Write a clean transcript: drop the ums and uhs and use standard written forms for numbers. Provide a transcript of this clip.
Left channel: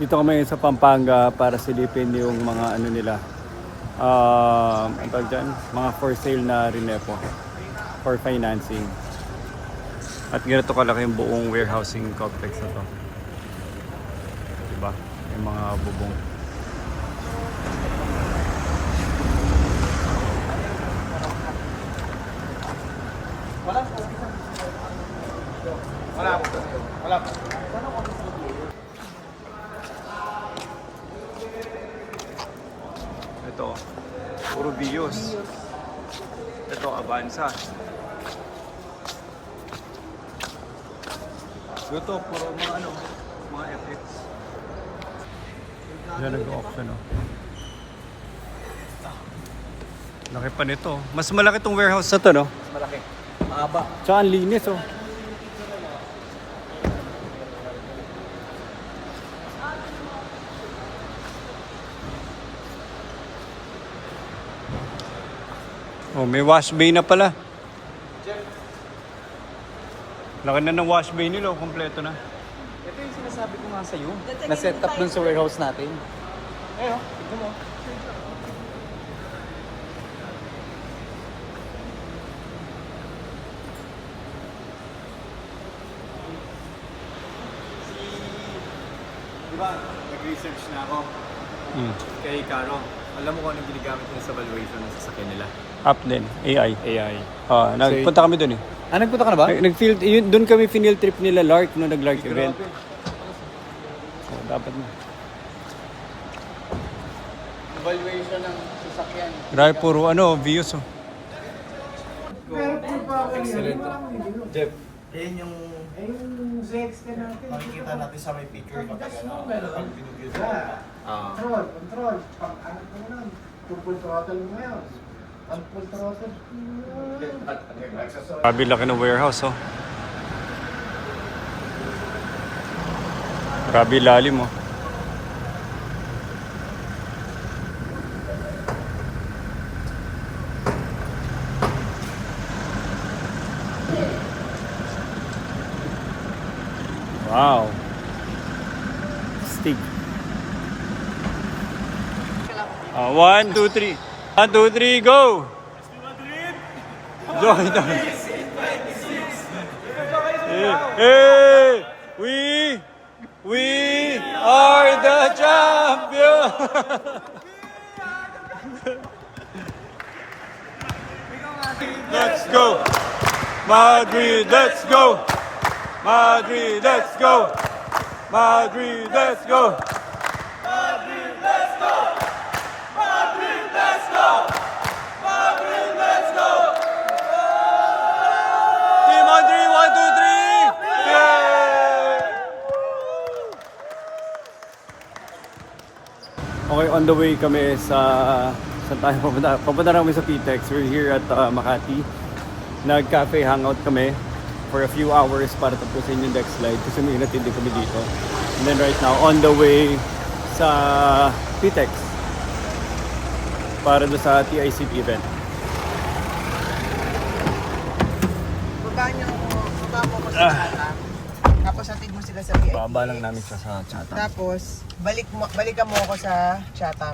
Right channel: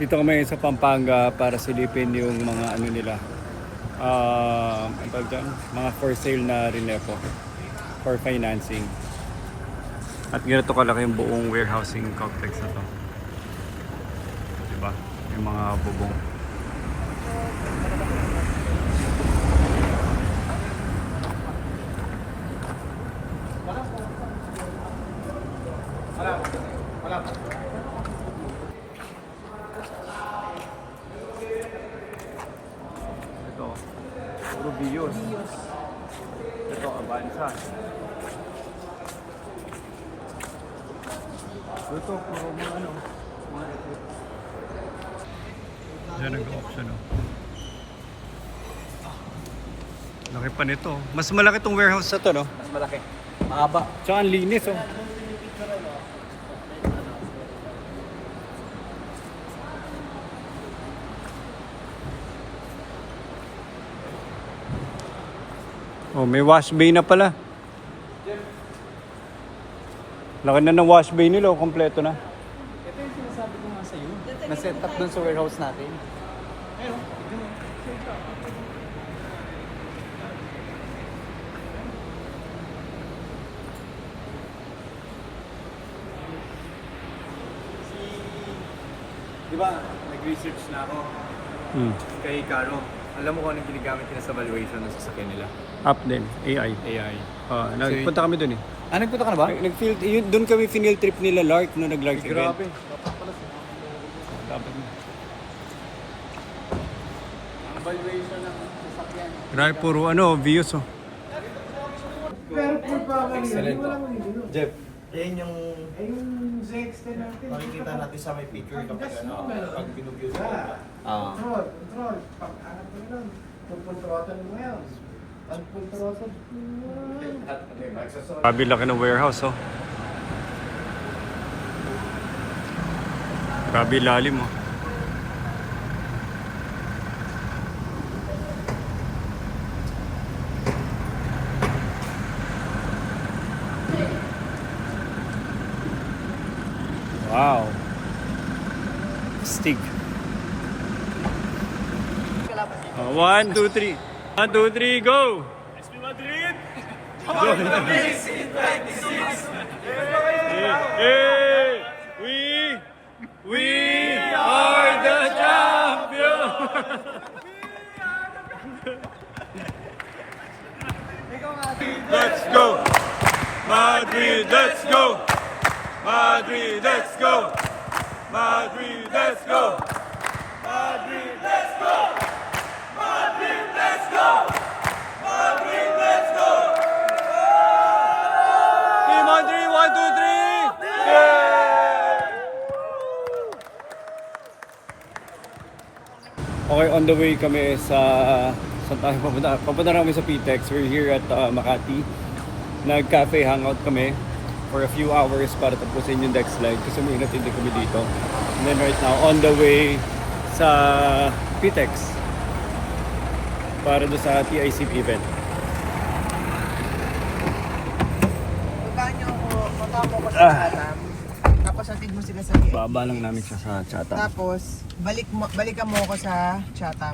Dito kami sa Pampanga para silipin yung mga ano nila. Ang tawag dyan, mga for sale na Rinepo for financing. At ganito kalaki yung buong warehousing complex na to. Diba? Yung mga bubong. Wala. Ito, puro Vios. Ito, Avanza. Ito, puro mga ano, mga FX. Diyan nag-auction, oh. Laki pa nito. Mas malaki tong warehouse na to, no? Mas malaki. Mahaba. Tsaka ang linis, oh. Oh, may wash bay na pala. Laki na ng wash bay nila, oh. Kompleto na. Ito yung sinasabi ko nga sa'yo. Na-set up dun sa warehouse natin. Ayun, tignan mo. Diba, nag-research na ako kay Caro. Alam mo kung anong ginagamit nila sa valuation ng sasakyan nila? App din, AI. AI. Nagpunta kami dun eh. Nagpunta ka na ba? Nag-field, doon kami final trip nila Lark no nag-Lark event. Dapat mo. Valuation ng sasakyan. Grabe puro ano, views oh. Excellent. Jeff, yan yung makikita natin sa may picture kapag ang pinug-use mo. Control. Pag-angat mo nun. Full throttle mo ngayon. Full throttle. Grabe laki ng warehouse oh. Grabe lalim oh. Wow. Stick. 1, 2, 3. 1, 2, 3, go! Go! Hey! We are the champion! Let's go! Madrid, let's go! Madrid, let's go! Madrid, let's go! Madrid, let's go! Madrid, let's go! Madrid, let's go! Team Madrid, 1, 2, 3! Yeah! Okay, on the way kami sa saan tayo papunta? Papunta na kami sa PTEX. We're here at Makati. Nag-cafe hangout kami for a few hours para tapusin yung deck slide kasi may inatindi kami dito. And then right now, on the way sa PTEX para doon sa TICP event. Tapos hatid mo sila sa PIC. Baba lang namin sa chat. Tapos balikan mo ako sa chat.